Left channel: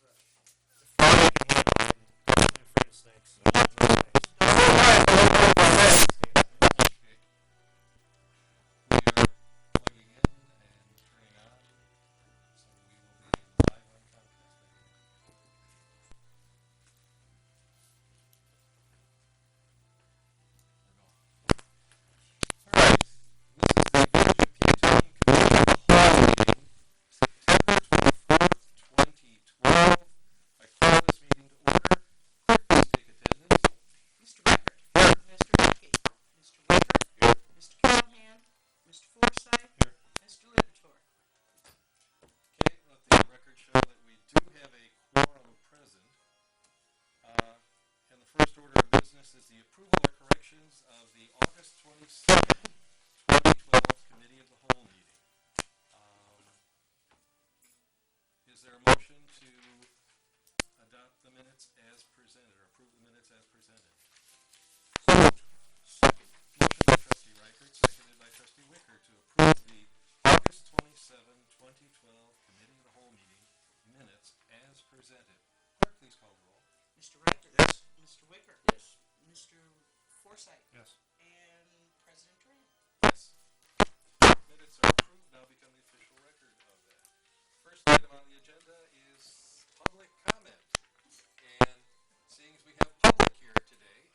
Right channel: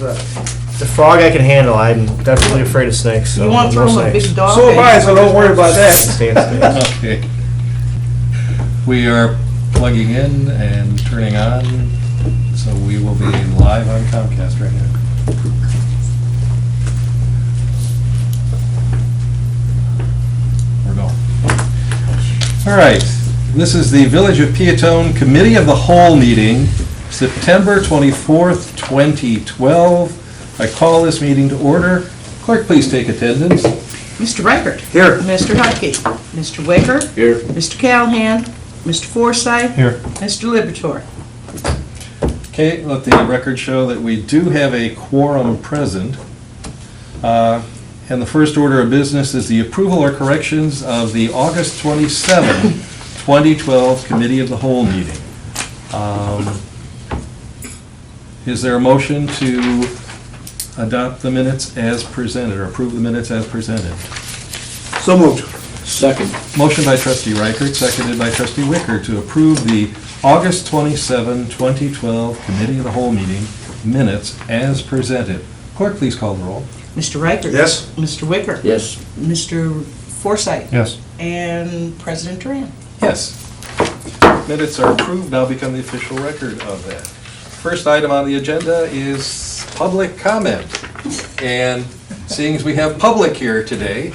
The frog I can handle. I'm definitely afraid of snakes. So You want to no throw a snakes. big dog? So am I, so don't worry about that. Stand snakes. Okay. We are plugging in and turning on, so we will be live on Comcast right now. We're going. All right, this is the Village of Peotone Committee of the Whole meeting, September 24th, 2012. I call this meeting to order. Clerk, please take attendance. Mr. Reichert. Here. Mr. Hupkey. Mr. Waker. Here. Mr. Callahan. Mr. Forsythe. Here. Mr. Liberatore. Okay, let the record show that we do have a quorum present. And the first order of business is the approval or corrections of the August 27, 2012 Committee of the Whole meeting. Is there a motion to adopt the minutes as presented, or approve the minutes as presented? So moved. Second. Motion by trustee Reichert, seconded by trustee Wicker to approve the August 27, 2012 Committee of the Whole meeting minutes as presented. Clerk, please call the roll. Mr. Reichert. Yes. Mr. Wicker. Yes. Mr. Forsythe. Yes. And President Duran. Yes. Minutes are approved, now become the official record of that. First item on the agenda is public comment. And seeing as we have public here today,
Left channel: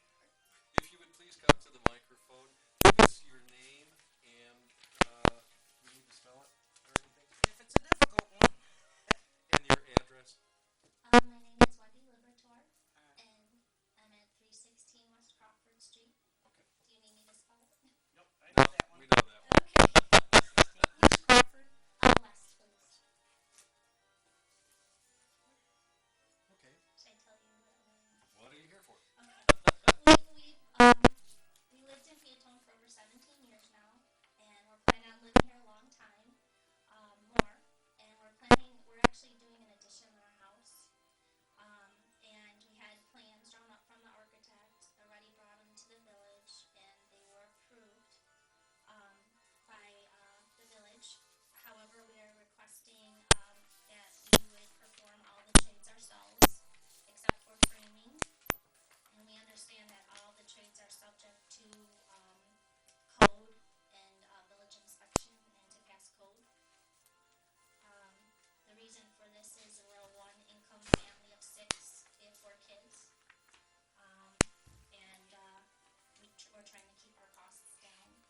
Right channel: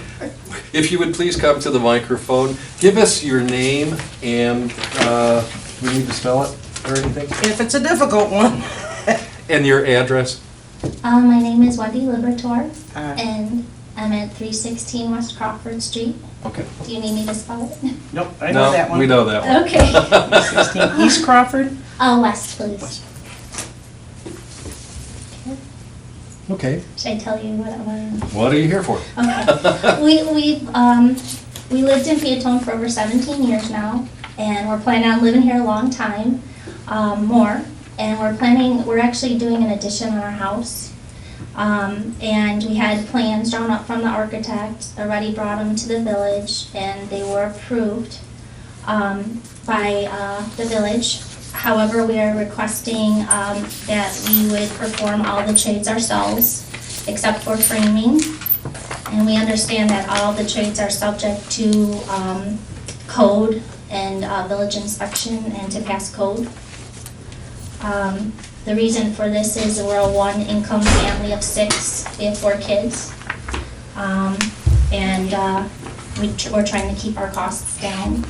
if you would please come to the microphone, give us your name and, do we need to spell it or anything? If it's a difficult one. And your address. My name is Wendy Liberatore, Uh, and I'm at 316 West Crawford Street. Okay. Do you need me to spell it? Nope, I know that one. We know that one. Okay. 16 East Crawford. West, please. Okay, Should I tell you what I want? what are you here for? Okay. We lived in Peotone for over 17 years now, and we're planning on living here a long time, more. And we're actually doing an addition on our house. And we had plans drawn up from the architect, already brought them to the village, and they were approved by the village. However, we are requesting that we would perform all the trades ourselves, except for framing. And we understand that all the trades are subject to code and village inspection and to pass code. The reason for this is we're a one-income family of 6. We have 4 kids. We're trying to keep our costs down.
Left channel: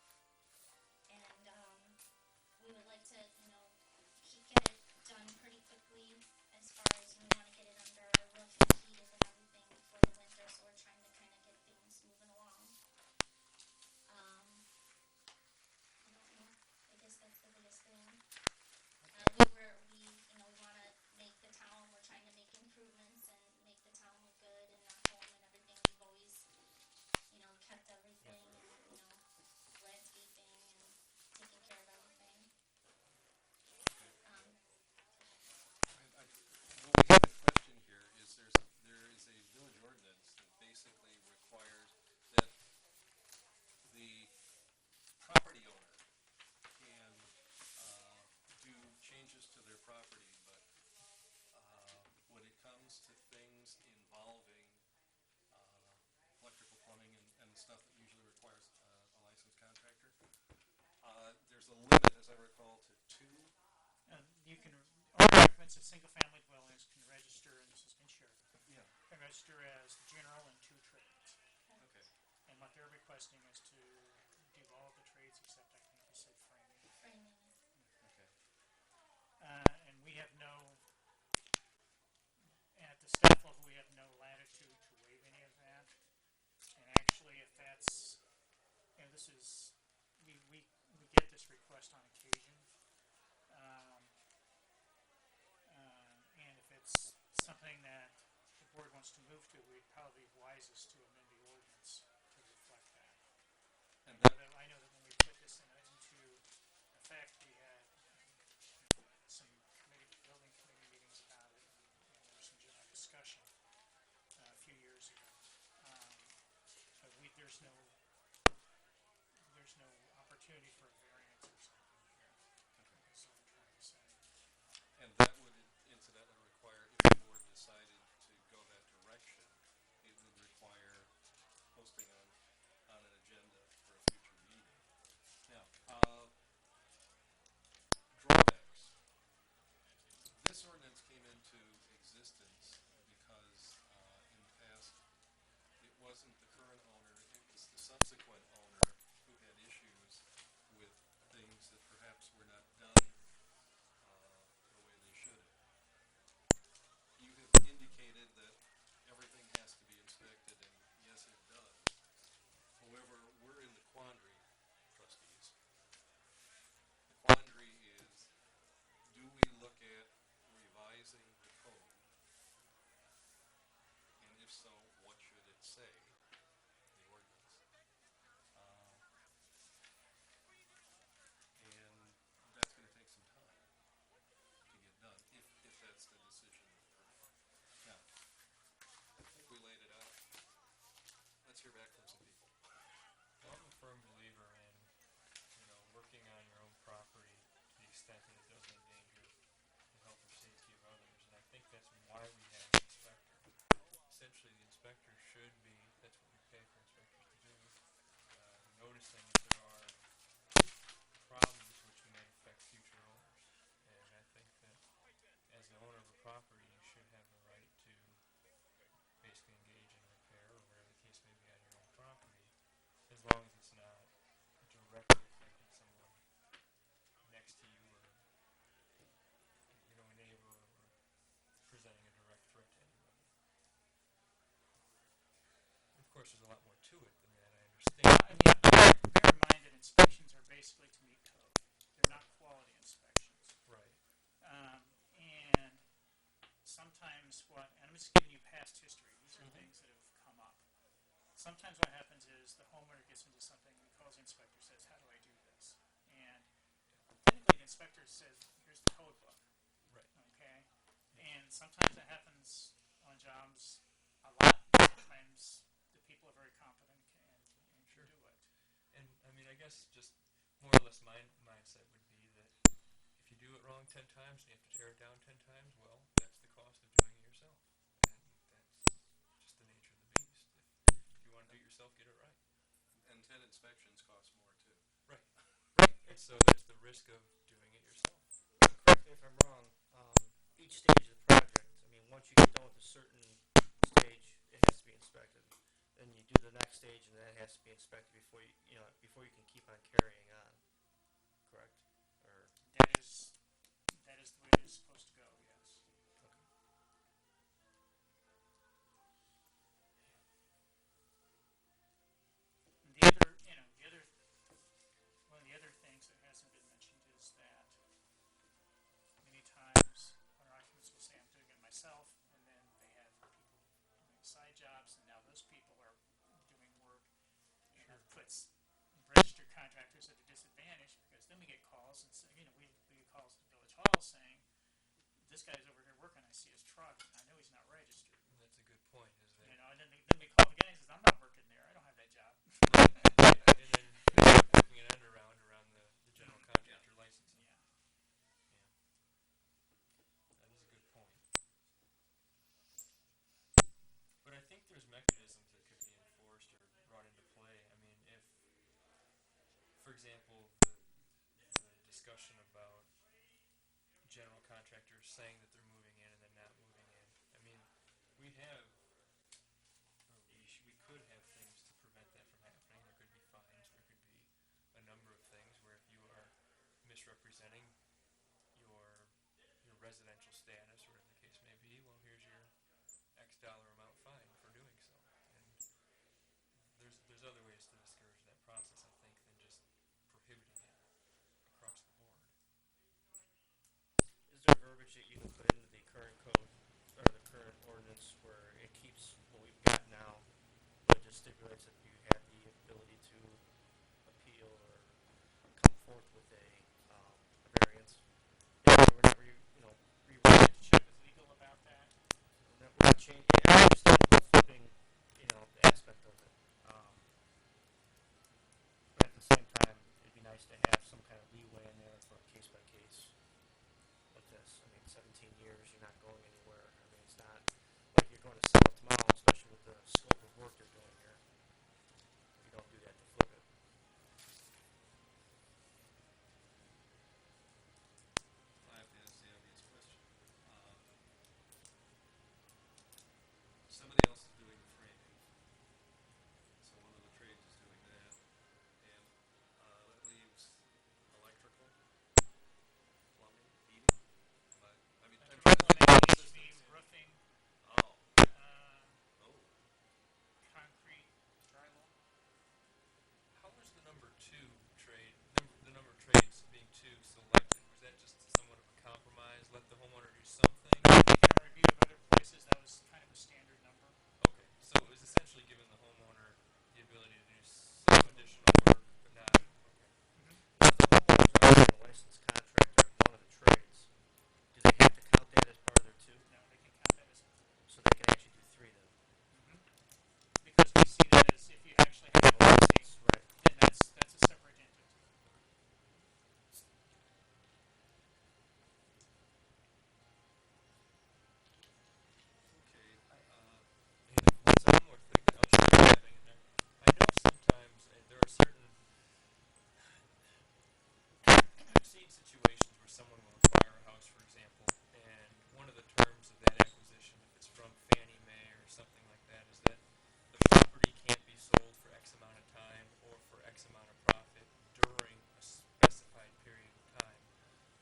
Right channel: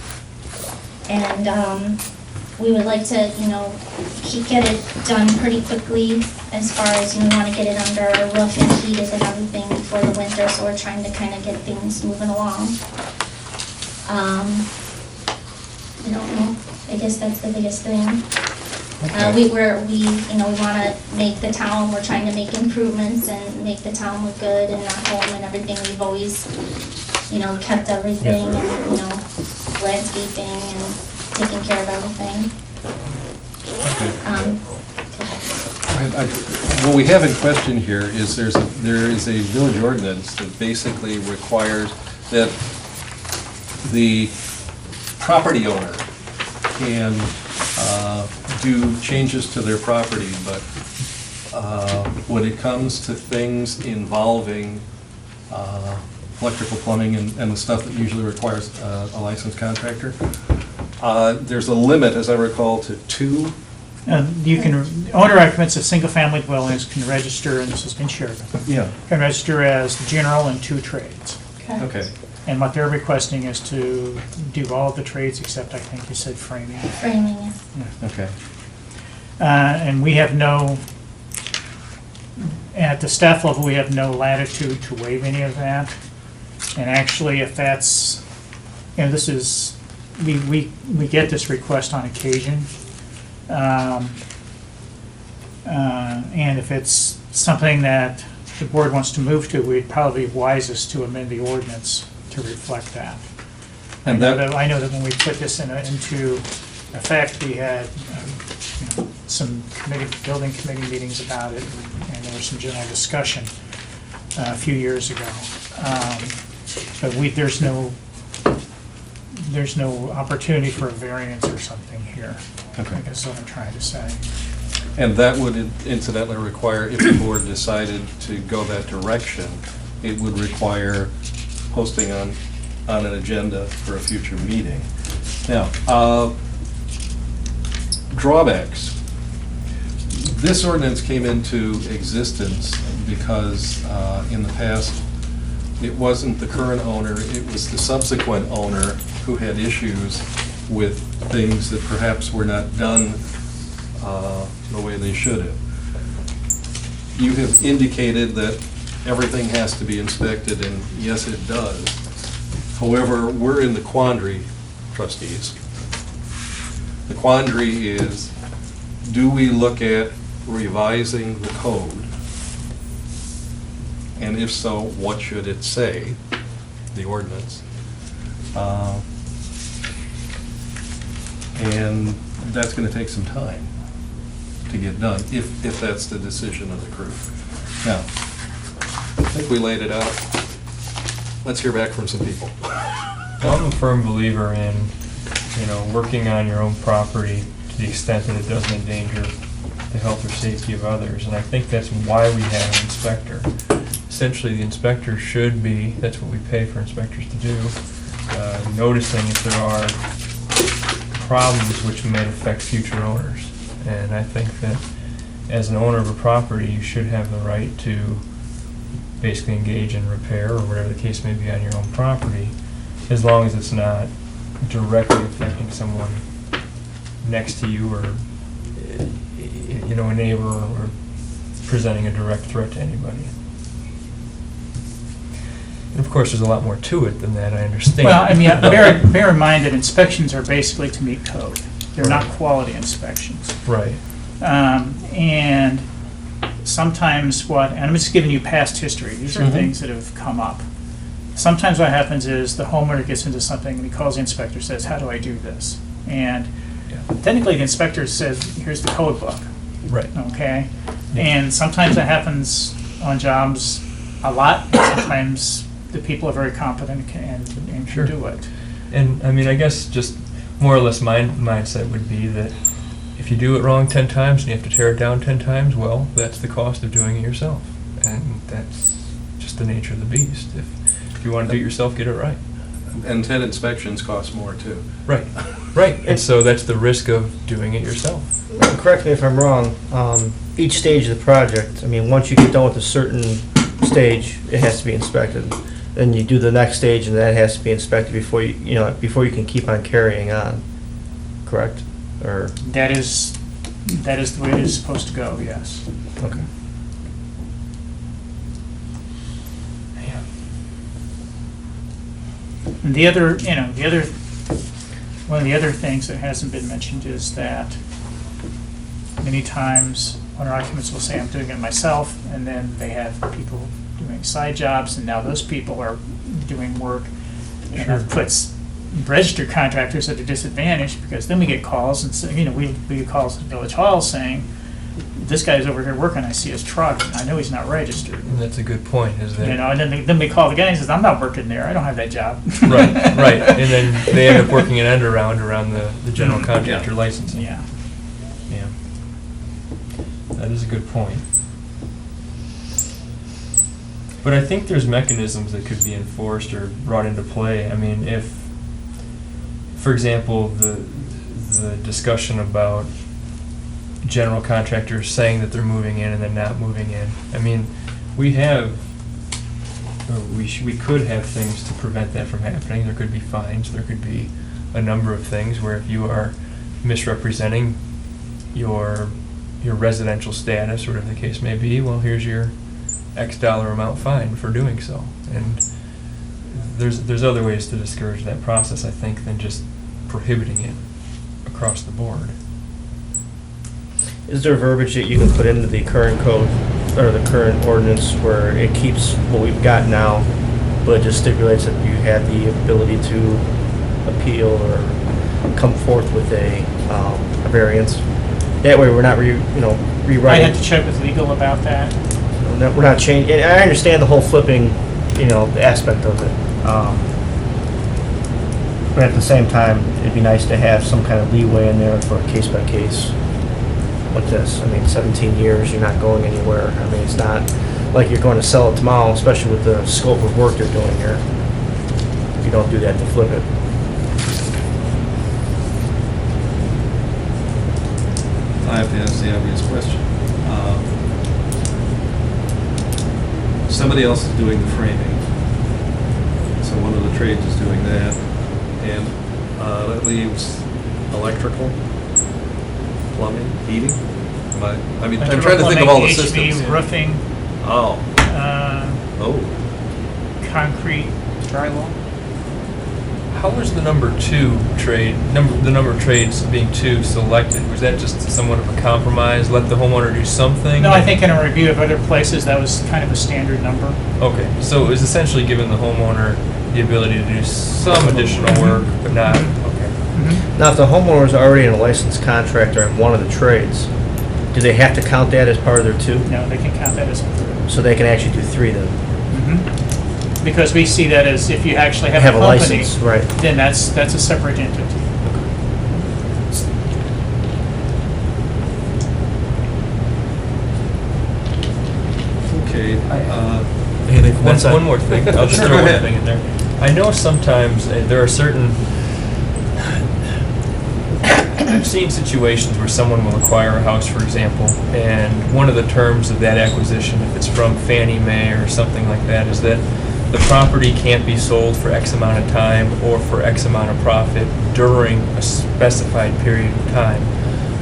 And we would like to, get it done pretty quickly as far as, we want to get it under a roof and heated and everything before the winter, so we're trying to kind of get things moving along. I don't know, I guess that's the biggest thing. We want to make the town, we're trying to make improvements and make the town look good and our home and everything. We've always, kept everything and, landscaping and taking care of everything. What we have in question here is there is a village ordinance that basically requires that the property owner can do changes to their property, but when it comes to things involving electrical, plumbing, and the stuff that usually requires a licensed contractor, there's a limit, as I recall, to 2. Owner occupants of single-family dwellings can register, and this has been shared with them, Yeah. can register as general and 2 trades. Okay. And what they're requesting is to do all of the trades except, I think you said framing. Framing, yeah. Okay. And we have at the staff level, we have no latitude to waive any of that. And actually, if that's, this is, we get this request on occasion. And if it's something that the board wants to move to, we'd probably be wisest to amend the ordinance to reflect that. And I know that when we put this into effect, we had some building committee meetings about it, and there was some general discussion a few years ago. But there's no opportunity for a variance or something here. Okay. I guess is what I'm trying to say. And that would incidentally require, if the board decided to go that direction, it would require posting on an agenda for a future meeting. Now, drawbacks. This ordinance came into existence because in the past, it wasn't the current owner, it was the subsequent owner who had issues with things that perhaps were not done the way they should have. You have indicated that everything has to be inspected, and yes, it does. However, we're in the quandary, trustees. The quandary is, do we look at revising the code? And if so, what should it say, the ordinance? And that's going to take some time to get done, if that's the decision of the group. Now, I think we laid it out. Let's hear back from some people. I'm a firm believer in, working on your own property to the extent that it doesn't endanger the health or safety of others, and I think that's why we have an inspector. Essentially, the inspector should be, that's what we pay for inspectors to do, noticing if there are problems which may affect future owners. And I think that as an owner of a property, you should have the right to basically engage in repair or whatever the case may be on your own property, as long as it's not directly affecting someone next to you or, a neighbor or presenting a direct threat to anybody. And of course, there's a lot more to it than that, I understand. Well, I mean, bear in mind that inspections are basically to meet code. They're not quality inspections. Right. And sometimes and I'm just giving you past history, these are things that have come up. Sometimes what happens is the homeowner gets into something and he calls the inspector, says, how do I do this? And technically the inspector says, here's the code book. Right. Okay? And sometimes that happens on jobs a lot, and sometimes the people are very competent and Sure. can do it. And I mean, I guess just more or less my mindset would be that if you do it wrong 10 times and you have to tear it down 10 times, well, that's the cost of doing it yourself. And that's just the nature of the beast. If you want to do it yourself, get it right. And 10 inspections cost more, too. Right. Right. And so that's the risk of doing it yourself. Correct me if I'm wrong, each stage of the project, I mean, once you get done with a certain stage, it has to be inspected. Then you do the next stage, and that has to be inspected before you can keep on carrying on, correct? Or, That is the way it is supposed to go, yes. okay. And one of the other things that hasn't been mentioned is that many times owner occupants will say, I'm doing it myself, and then they have people doing side jobs, and now those people are doing work. And that puts registered contractors at a disadvantage, because then we get calls, and so, we get calls at Village Hall saying, this guy's over here working, I see his truck, and I know he's not registered. And that's a good point, is that... And then we call the guy and he says, I'm not working there, I don't have that job. Right, right. And then they end up working an end around the general contractor licensing. Yeah. Yeah. That is a good point. But I think there's mechanisms that could be enforced or brought into play. I mean, if, for example, the discussion about general contractors saying that they're moving in and then not moving in. I mean, we could have things to prevent that from happening. There could be fines. There could be a number of things where if you are misrepresenting your residential status, or whatever the case may be, well, here's your X dollar amount fine for doing so. And there's other ways to discourage that process, I think, than just prohibiting it across the board. Is there verbiage that you can put into the current code, or the current ordinance, where it keeps what we've got now, but it just stipulates that you have the ability to appeal or come forth with a variance? That way we're not I rewriting. had to check with legal about that. We're not changing, and I understand the whole flipping, the aspect of it. But at the same time, it'd be nice to have some kind of leeway in there for a case-by-case. with this. I mean, 17 years, you're not going anywhere. I mean, it's not like you're going to sell it tomorrow, especially with the scope of work they're doing here. You don't do that to flip it. I have to ask the obvious question. Somebody else is doing the framing, so one of the trades is doing that, and that leaves electrical, plumbing, heating? I mean, I'm trying to think of all the Electrical, systems. plumbing, HV, roofing, Oh, oh, concrete, drywall. How was the number of trades being two selected? Was that just somewhat of a compromise? Let the homeowner do something? No, I think in a review of other places, that was kind of a standard number. Okay, so it was essentially giving the homeowner the ability to do some additional work, but not, okay. Now, if the homeowner is already a licensed contractor in one of the trades, do they have to count that as part of their two? No, they can count that as a third. So they can actually do three then? Because we see that as if you actually have Have a a company, license, right. then that's a separate entity. okay. One more thing, I'll just Sure, throw go one ahead. thing in there. I know sometimes there are certain, I've seen situations where someone will acquire a house, for example, and one of the terms of that acquisition, if it's from Fannie Mae or something like that, is that the property can't be sold for X amount of time or for X amount of profit during a specified period of time.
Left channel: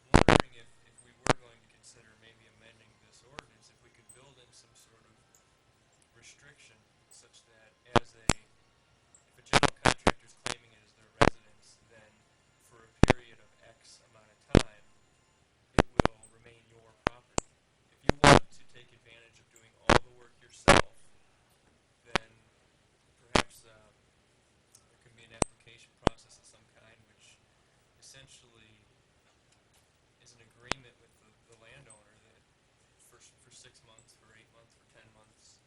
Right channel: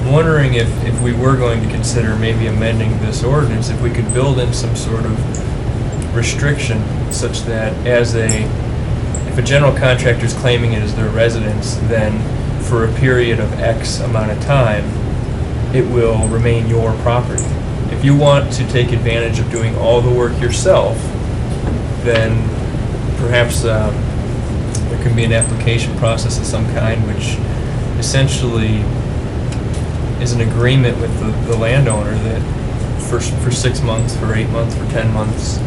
I'm wondering if we were going to consider maybe amending this ordinance, if we could build in some sort of restriction such that if a general contractor is claiming it as their residence, then for a period of X amount of time, it will remain your property. If you want to take advantage of doing all the work yourself, then perhaps there can be an application process of some kind which essentially is an agreement with the landowner that for 6 months, for 8 months, for 10 months,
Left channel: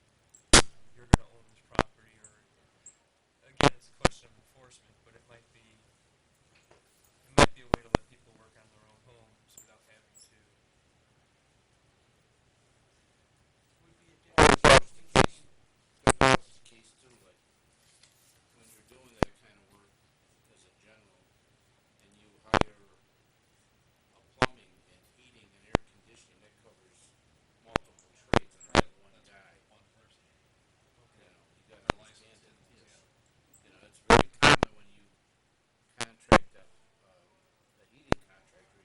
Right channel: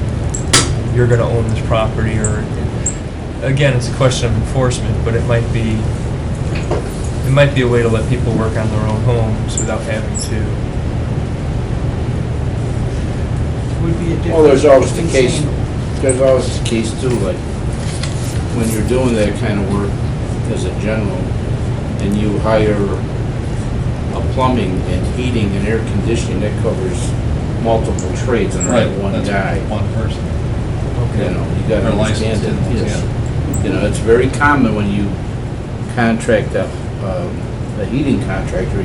you're going to own this property. Or again, it's a question of enforcement, but it might be a way to let people work on their own homes without having to. Would be a difference. Well, there's always the between case, saying- there's always the case too, like, when you're doing that kind of work as a general, and you hire a plumbing and heating and air conditioning, that covers multiple trades under that one That's guy. one person. You know, you gotta They're understand licensed it. in those, Yes. yeah. You know, it's very common when you contract a heating contractor,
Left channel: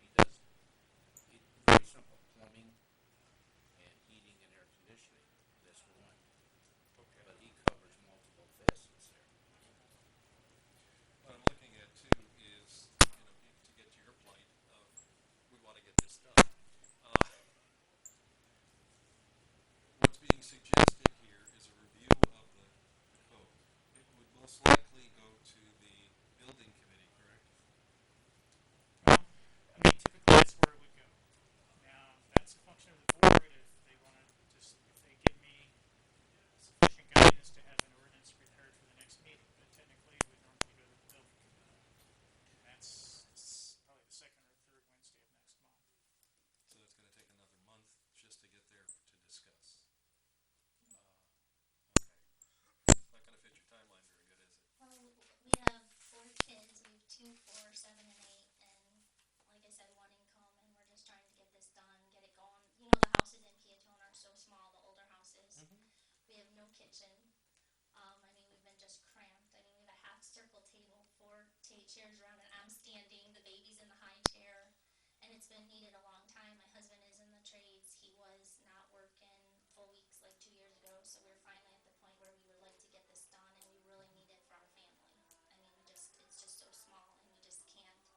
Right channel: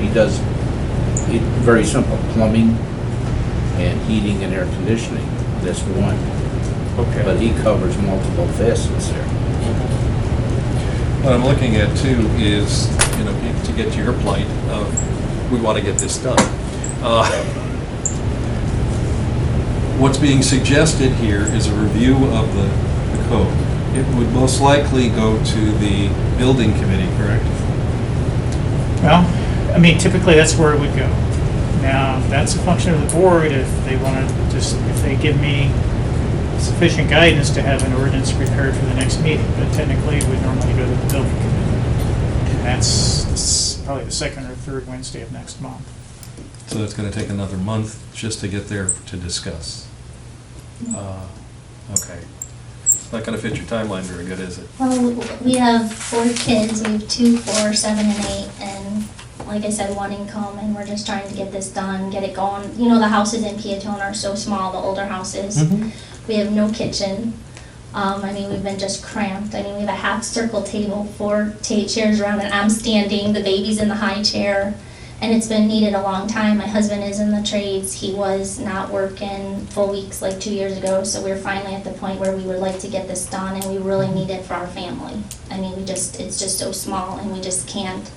very simple, plumbing and heating and air conditioning, that's one. Okay. But he covers multiple facets there. What I'm looking at too is, to get to your plight of, we want to get this done. What's being suggested here is a review of the code. It would most likely go to the building committee, correct? Well, I mean, typically that's where it would go. Now, that's a function of the board if they want to if they give me sufficient guidance to have an ordinance prepared for the next meeting, but technically it would normally go to the building committee. And that's probably the second or third Wednesday of next month. So it's going to take another month just to get there to discuss. Okay. Not going to fit your timeline very good, is it? Well, we have 4 kids, we have 2, 4, 7, and 8, and like I said, 1 income, and we're just trying to get this done, get it going. You know, the houses in Peotone are so small, the older houses. We have no kitchen. I mean, we've been just cramped. I mean, we have a half circle table, 4 chairs around, and I'm standing, the baby's in the high chair. And it's been needed a long time. My husband is in the trades. He was not working full weeks like 2 years ago, so we're finally at the point where we would like to get this done, and we really need it for our family. I mean, it's just so small, and we just can't.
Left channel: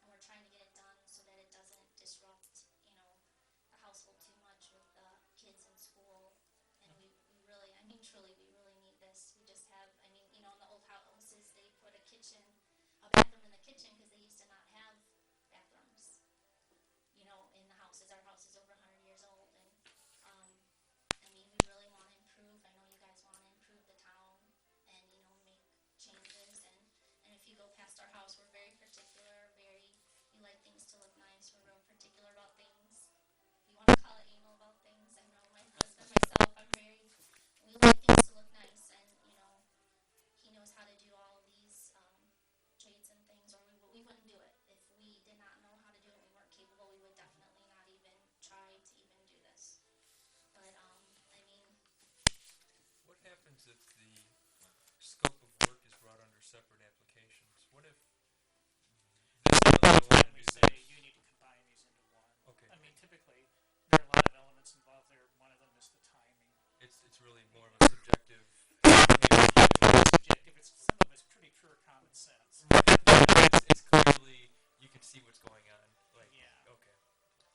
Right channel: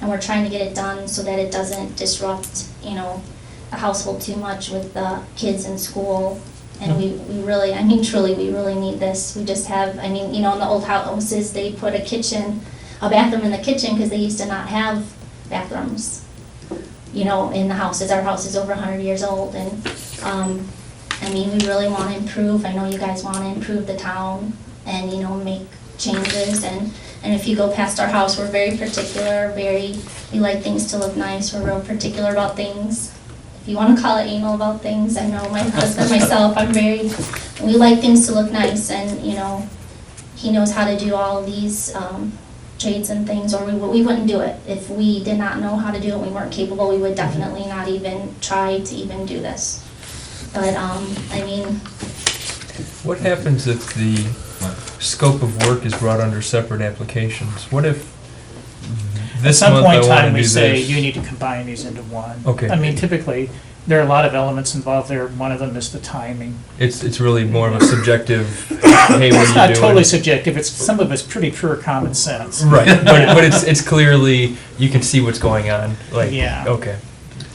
And we're trying to get it done so that it doesn't disrupt, the household too much with the kids in school. And we really, I mean, truly, we really need this. We just have, I mean, in the old houses, they put a bathroom in the kitchen because they used to not have bathrooms, in the houses. Our house is over 100 years old, and, I mean, we really want to improve. I know you guys want to improve the town and, make changes, and And if you go past our house, we're very particular, we like things to look nice, we're real particular about things. If you wanna call it anal about things, I know my husband, myself, we like things to look nice, and, you know, he knows how to do all of these, trades and things, or we wouldn't do it. If we did not know how to do it, we weren't capable, we would definitely not even try to even do this. But, I mean, What happens if the scope of work is brought under separate applications? What if this At some month I point in want to time, do we say, this? you need to combine these into one. Okay. I mean, typically, there are a lot of elements involved there. One of them is the timing. It's really more of a subjective, hey, what are you doing? It's not totally subjective. Some of it's pretty pure common sense. Right, but it's clearly, you can see what's going on, like, Yeah. okay.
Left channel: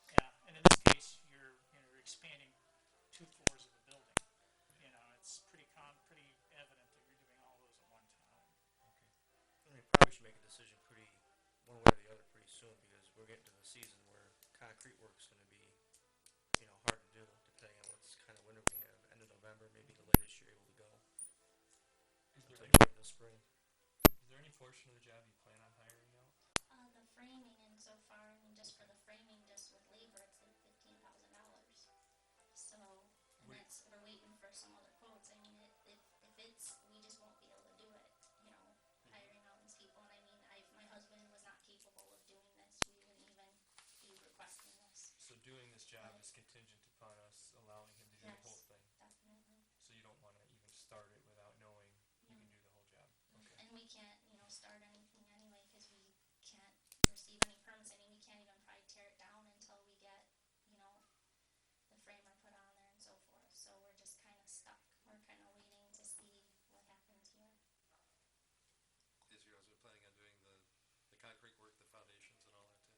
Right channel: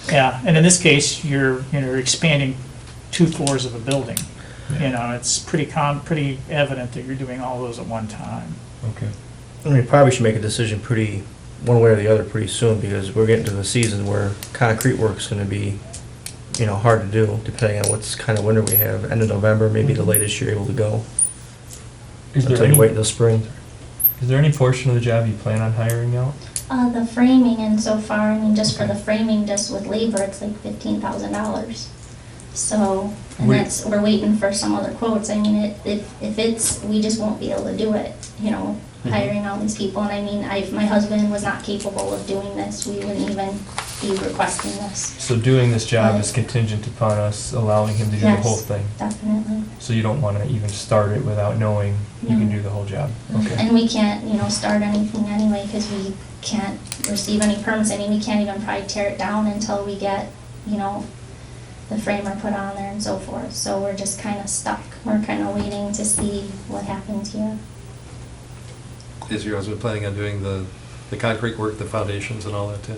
Yeah, and in this case, you're expanding 2 floors of a building. You know, it's pretty evident that you're doing all those at one time. Okay. I mean, probably should make a decision one way or the other pretty soon, because we're getting to the season where concrete work's gonna be, you know, hard to do, depending on what's kind of winter we have. End of November, maybe the latest you're able to go, Is there until you any, wait until spring. is there any portion of the job you plan on hiring out? the framing, and so far, I mean, just for the framing, just with labor, it's like $15,000. So, and We- we're waiting for some other quotes. I mean, if we just won't be able to do it, you know, hiring all these people. And I mean, my husband was not capable of doing this. We wouldn't even be requesting this. So doing this job Right. is contingent upon us allowing him to do the Yes. whole thing? Definitely. So you don't want to even start it without knowing you can No. do the whole job? Okay. And we can't, you know, start anything anyway, because we can't receive any permits. I mean, we can't even probably tear it down until we get, you know, the framer put on there and so forth. So we're just kind of stuck. We're kind of waiting to see what happens here. Is your husband planning on doing the concrete work, the foundations and all that too?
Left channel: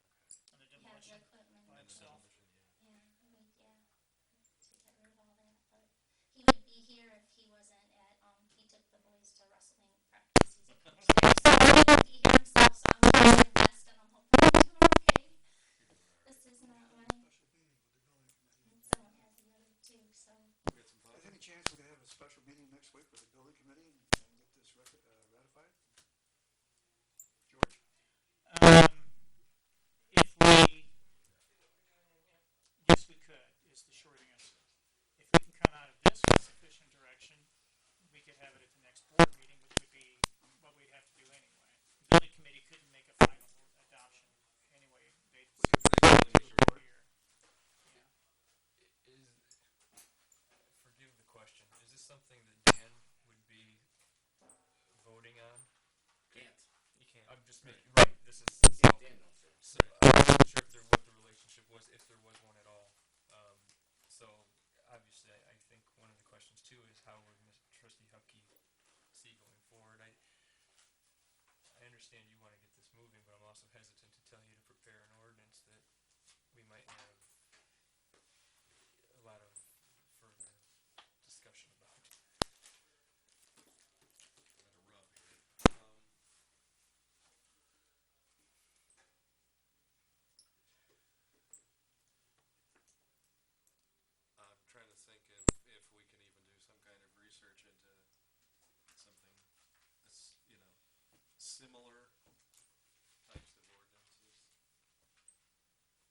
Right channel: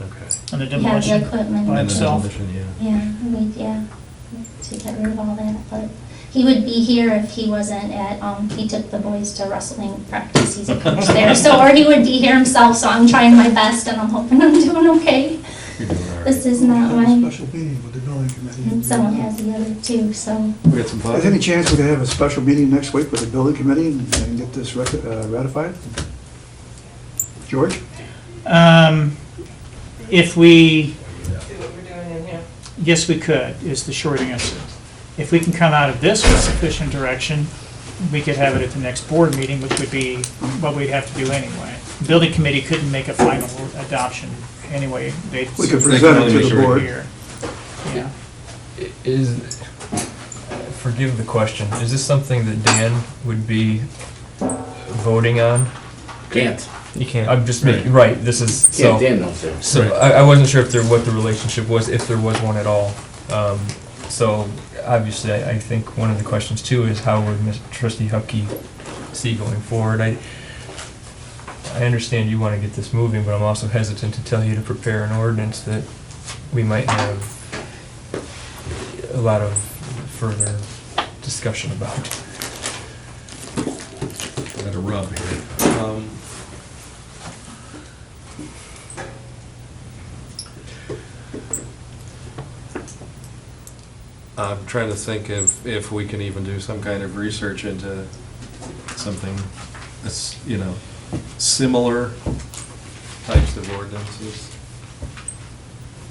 Okay. And the We have the demolition equipment. by And the itself. demolition, yeah. Yeah, to get rid of all that, but he would be here if he wasn't at, he took the boys to wrestling practice, he's a coach there, so, or he would be here himself, so I'm trying my best, and I'm hoping I'm doing okay. You're doing all right. This is not Have a my, Special meeting with the building committee. and someone has the other two, so. We got some thoughts? Is there any chance we could have a special meeting next week with the building committee and get this ratified? George? If we, yes, we could, is the short answer. If we can come out of this with sufficient direction, we could have it at the next board meeting, which would be what we'd have to do anyway. The building committee couldn't make a final adoption anyway. They'd We could They present can it only to the make board. here. Yeah. Is, forgive the question, is this something that Dan would be voting on? Can't. You can't. I'm just making, right, this is, Yeah, so, Dan knows that. so I wasn't sure what the relationship was, if there was one at all. So, obviously, I think one of the questions too is how would Trustee Hupkey see going forward? I understand you want to get this moving, but I'm also hesitant to tell you to prepare an ordinance that we might have a lot of further discussion about. Got a rub here. I'm trying to think if we can even do some kind of research into something that's, you know, similar types of ordinances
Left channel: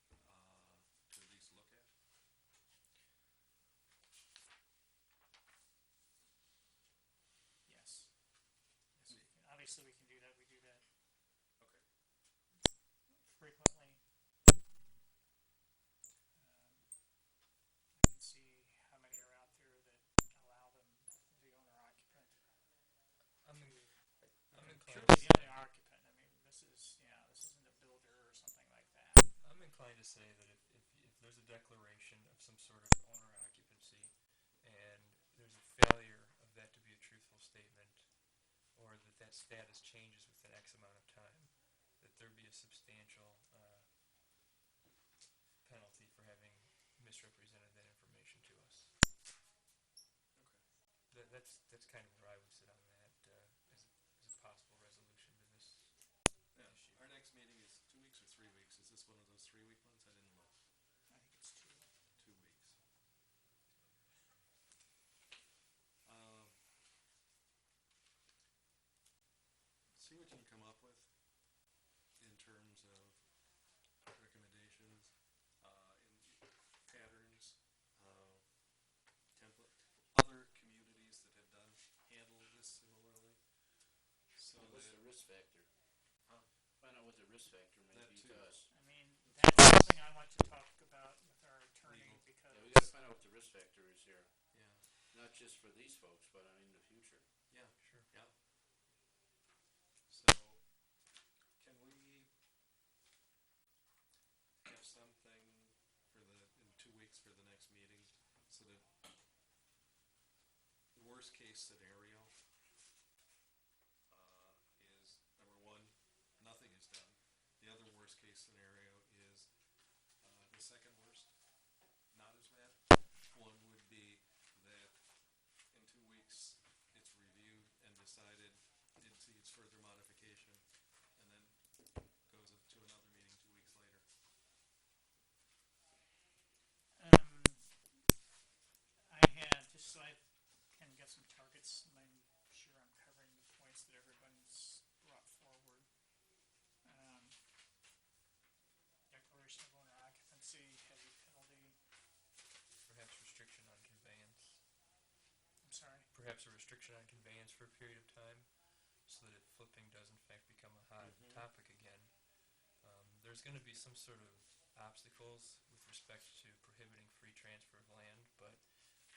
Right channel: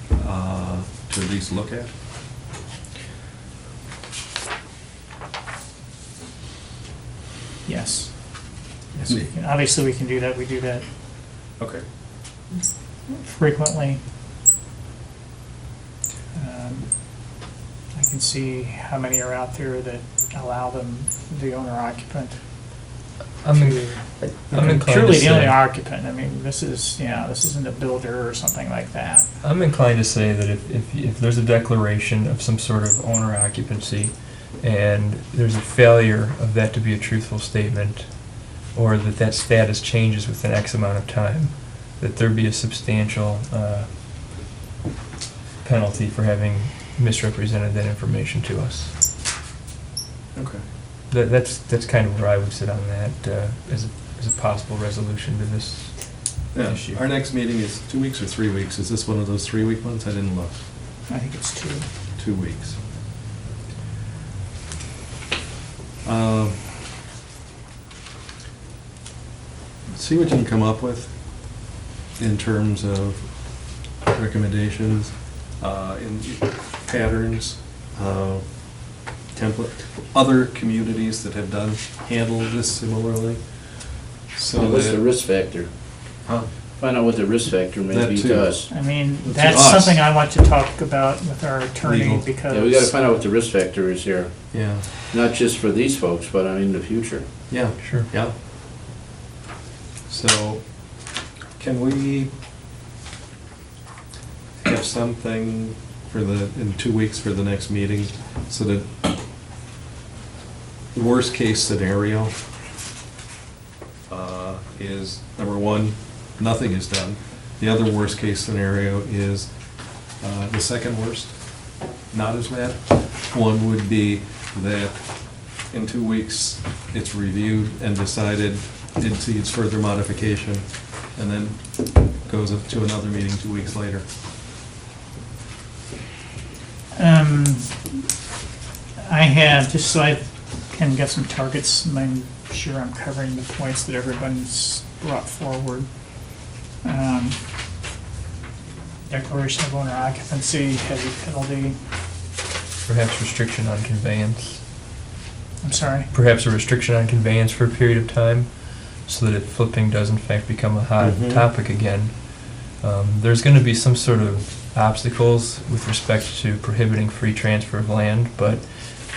to at least look at. Yes. Yes, we can. Obviously, we can do that. We do that Okay. frequently. I can see how many are out there that allow them, the owner occupant. I'm inclined to Truly the only say, occupant. I mean, this isn't a builder or something like that. I'm inclined to say that if there's a declaration of some sort of owner occupancy and there's a failure of that to be a truthful statement, or that status changes within X amount of time, that there be a substantial penalty for having misrepresented that information to us. Okay. That's kind of where I would sit on that as a possible resolution to this Yeah, issue. our next meeting is 2 weeks or 3 weeks? Is this one of those 3-week ones? I didn't look. I think it's 2. 2 weeks. See what you can come up with in terms of recommendations, in patterns, template, other communities that have handled this similarly. So What's the that, risk factor? huh? Find out what the risk factor may That be too. to us. I mean, To that's us. something I want to talk about with our attorney Legal. because. Yeah, we gotta find out what the risk factor is here, Yeah, not just for these folks, but I mean, the future. yeah, Sure. yeah. So, can we have something in 2 weeks for the next meeting, so that worst case scenario is, number one, nothing is done. The other worst case scenario is the second worst, not as bad. One would be that in 2 weeks, it's reviewed and decided it needs further modification, and then goes up to another meeting 2 weeks later. I have, just so I can get some targets, and I'm sure I'm covering the points that everyone's brought forward. Declaration of owner occupancy, heavy penalty, Perhaps restriction on conveyance. I'm sorry. Perhaps a restriction on conveyance for a period of time, so that if flipping does in fact become a hot Mhm. topic again, there's going to be some sort of obstacles with respect to prohibiting free transfer of land, but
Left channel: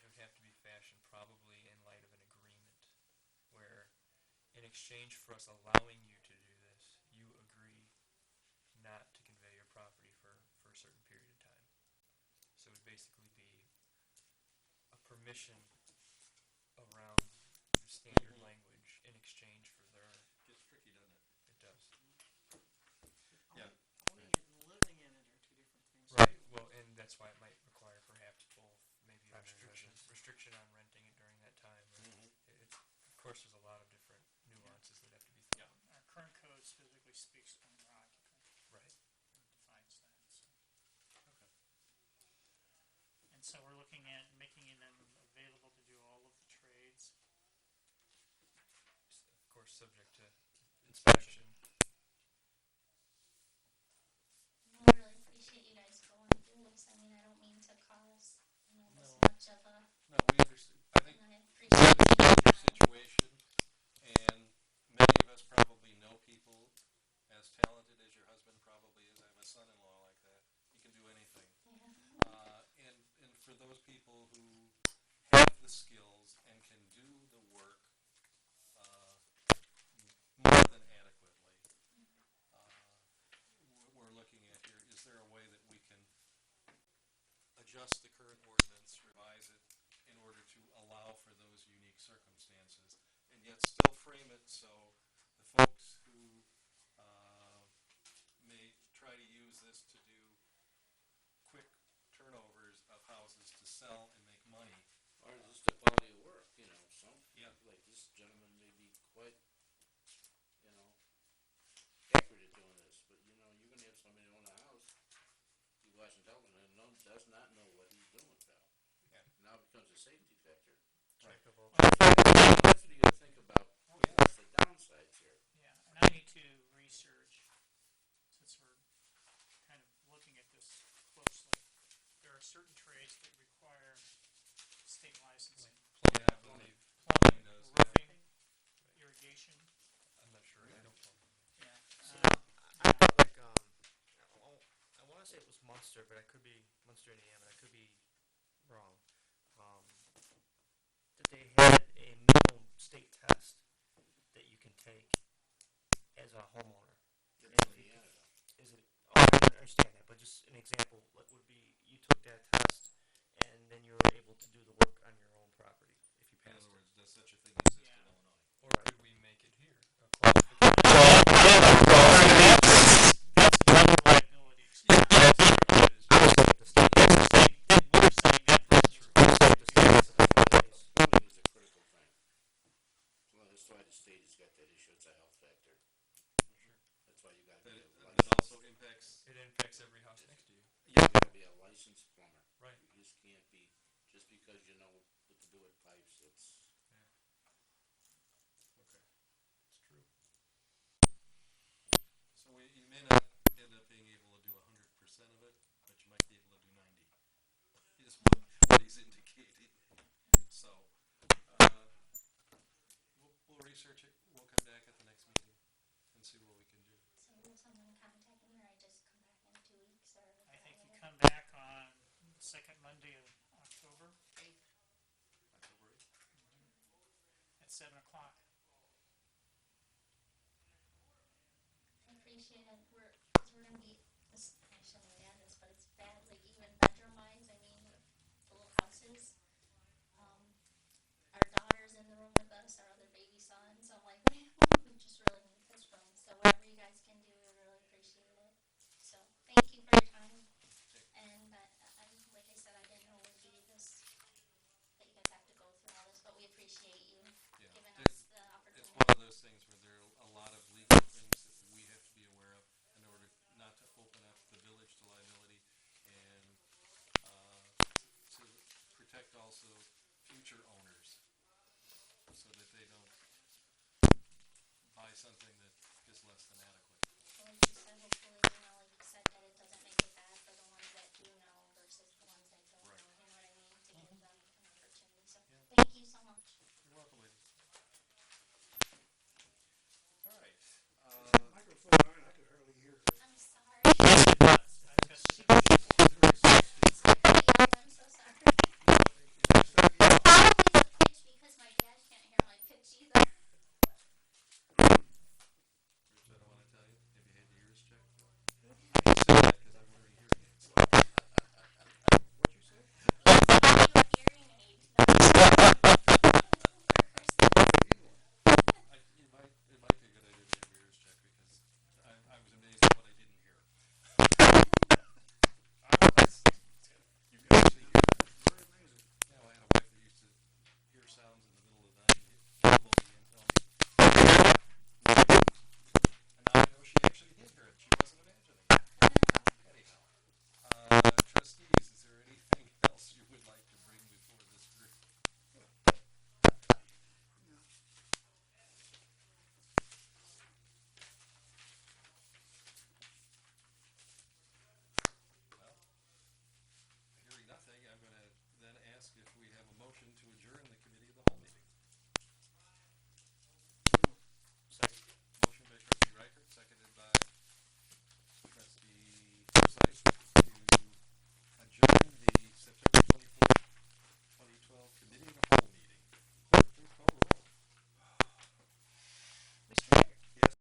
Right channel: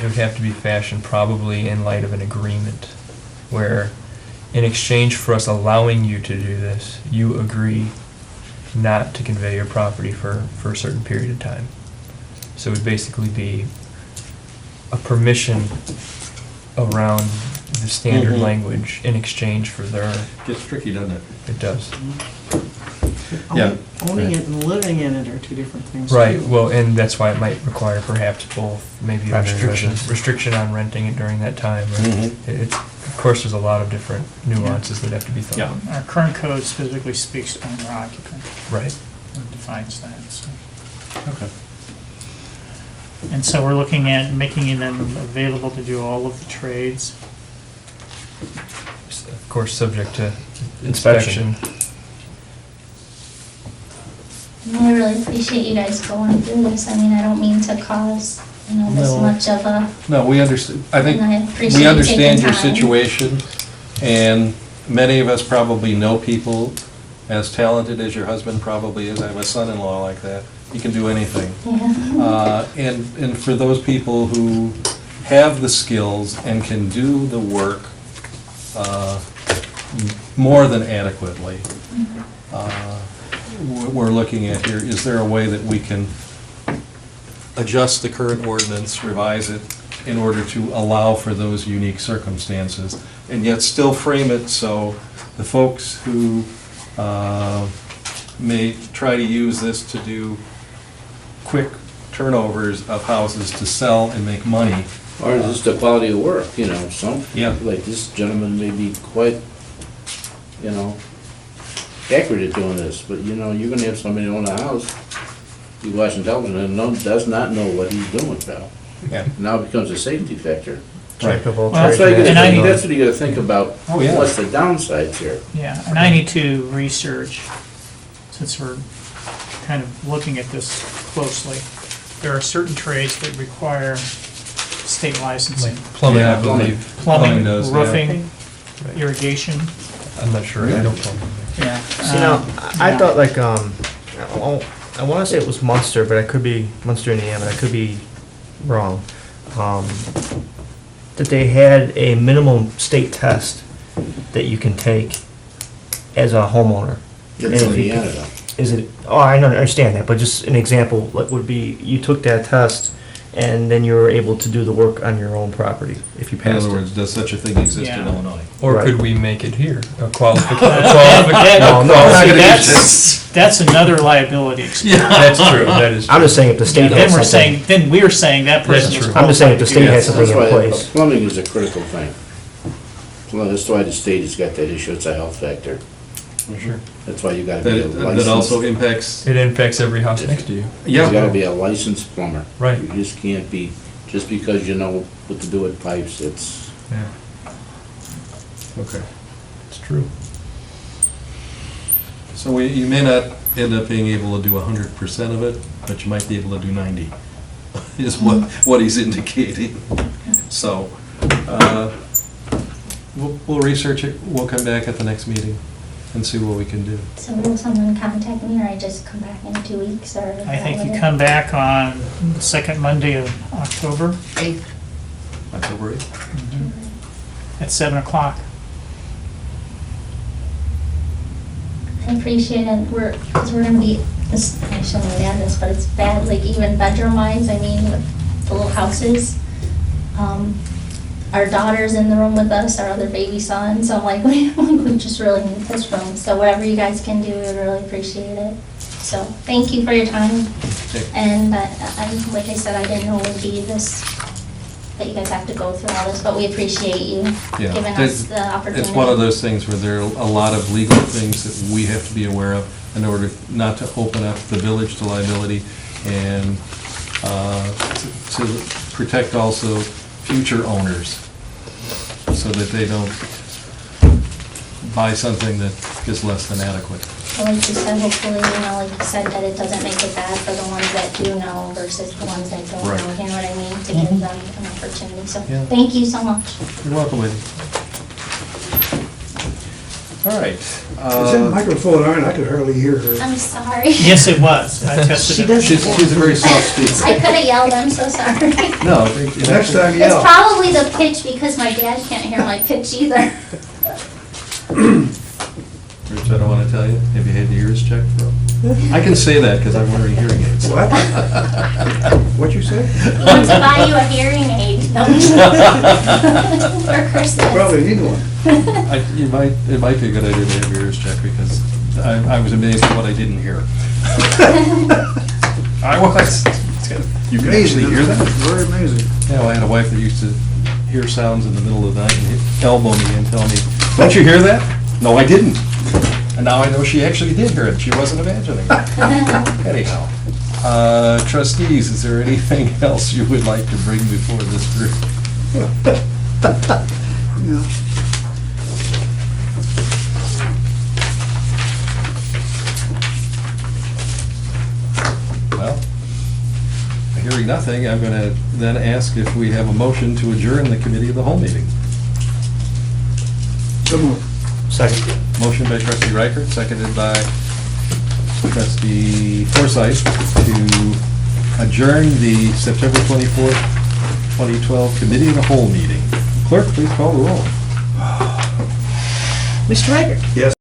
it would have to be fashioned probably in light of an agreement, where in exchange for us allowing you to do this, you agree not to convey your property for a certain period of time. So it would basically be a permission around the standard Mhm. language in exchange for their, Gets tricky, doesn't it? it does. Yeah. Owning it and living in it are two different things. Right, too. well, and that's why it might require perhaps both, maybe a Primary restriction, residence. restriction on renting it during that time. Or Mhm. It's, of course, there's a lot of different nuances that have to be thought Yeah. out. Our current code specifically speaks to owner occupant Right. and defines that, so. Okay. And so we're looking at making them available to do all of the trades. Of course, subject to Inspection. inspection. I really appreciate you guys going through this. I mean, I don't mean to cause, this No. much of a, No, we understand, I think, and I appreciate we you understand taking your time. situation, and many of us probably know people as talented as your husband probably is. I have a son-in-law like that. He can do anything. Yeah. And for those people who have the skills and can do the work more than adequately, what we're looking at here, is there a way that we can adjust the current ordinance, revise it, in order to allow for those unique circumstances, and yet still frame it so the folks who may try to use this to do quick turnovers of houses to sell and make money. Or just the quality of work, some, Yeah. like this gentleman may be quite, accurate at doing this, but you're gonna have somebody own a house, be watching television and does not know what he's doing, pal. Yeah. Now it becomes a safety factor. Right. Well, That's what And that's what you gotta think about, Oh, yeah. what's the downsides here? Yeah, and I need to research, since we're kind of looking at this closely. There are certain trades that require state licensing. Like plumbing, Yeah, I believe. Plumbing, does, yeah. roofing, Right. irrigation, I'm not sure, I don't plumbing. yeah. See, now, I yeah. thought I want to say it was Munster, but I could be, Munster, Indiana, but I could be wrong. That they had a minimum state test that you can take as a homeowner. It's And if you- Indiana though. Is it, oh, I don't understand that, but just an example, like, would be, you took that test, and then you were able to do the work on your own property, if you In passed other it. words, does such a thing exist in Yeah. Illinois? Or Right. could we make it here, a qualification? No, no, I'm not See, gonna that's another liability expense. That's true, that is true. I'm just saying if the state Then has we're something. saying, then we're saying that person That's is true. I'm just saying if qualified the to state do has that. something in That's why place. plumbing is a critical thing. That's why the state has got that issue, it's a health factor. Sure. That's why you gotta be a That also licensed, impacts, It impacts every house next to you. you gotta yeah, be a licensed plumber. Right. You just can't be, just because you know what to do with pipes, it's, Yeah, okay. it's true. So you may not end up being able to do 100% of it, but you might be able to do 90, is what he's indicating. So, we'll research it, we'll come back at the next meeting and see what we can do. So will someone contact me, or I just come back in 2 weeks, or? I think you come back on the second Monday of October October 8th? at 7 o'clock. I appreciate it, because we're gonna be, this, I shouldn't really add this, but it's bad, like even bedroom wise, I mean, with the little houses. Our daughter's in the room with us, our other baby son, so I'm like, we just really need this room. So whatever you guys can do, I really appreciate it. So, thank you for your time. Okay. And like I said, I didn't know it would be this, that you guys have to go through all this, but we appreciate you Yeah. giving us the opportunity. It's one of those things where there are a lot of legal things that we have to be aware of in order not to open up the village to liability and to protect also future owners so that they don't buy something that is less than adequate. Well, like you said, hopefully, like you said, that it doesn't make it bad for the ones that do know versus the ones that don't Right. know, you know what I mean? To give them an opportunity, so, Yeah. thank you so much. You're welcome, lady. All right. Is that microphone on? I could hardly hear her. I'm sorry. Yes, it was. I tested it. She's a very soft I speaker. could have yelled, I'm so sorry. No, Next time, It's yell. probably the pitch, because my dad can't hear my pitch either. Rich, I don't want to tell you, have you had your ears checked, bro? I can say that because I'm wearing hearing aids. What? What'd you say? He wants to buy you a hearing aid. For Christmas. Probably need one. It might be a good idea to have your ears checked because I was amazed at what I didn't hear. I was. You can actually Amazing, hear that? very amazing. Yeah, well, I had a wife that used to hear sounds in the middle of the night and elbow me and tell me, "Don't you hear that?" No, I didn't. And now I know she actually did hear it. She wasn't imagining it. Anyhow, trustees, is there anything else you would like to bring before this group? Yeah. Well, hearing nothing, I'm going to then ask if we have a motion to adjourn the committee of the whole meeting. So moved. Second. Motion by trustee Reichert, seconded by trustee Forsythe to adjourn the September 24th, 2012 committee of the whole meeting. Clerk, please call the roll. Mr. Riker? Yes.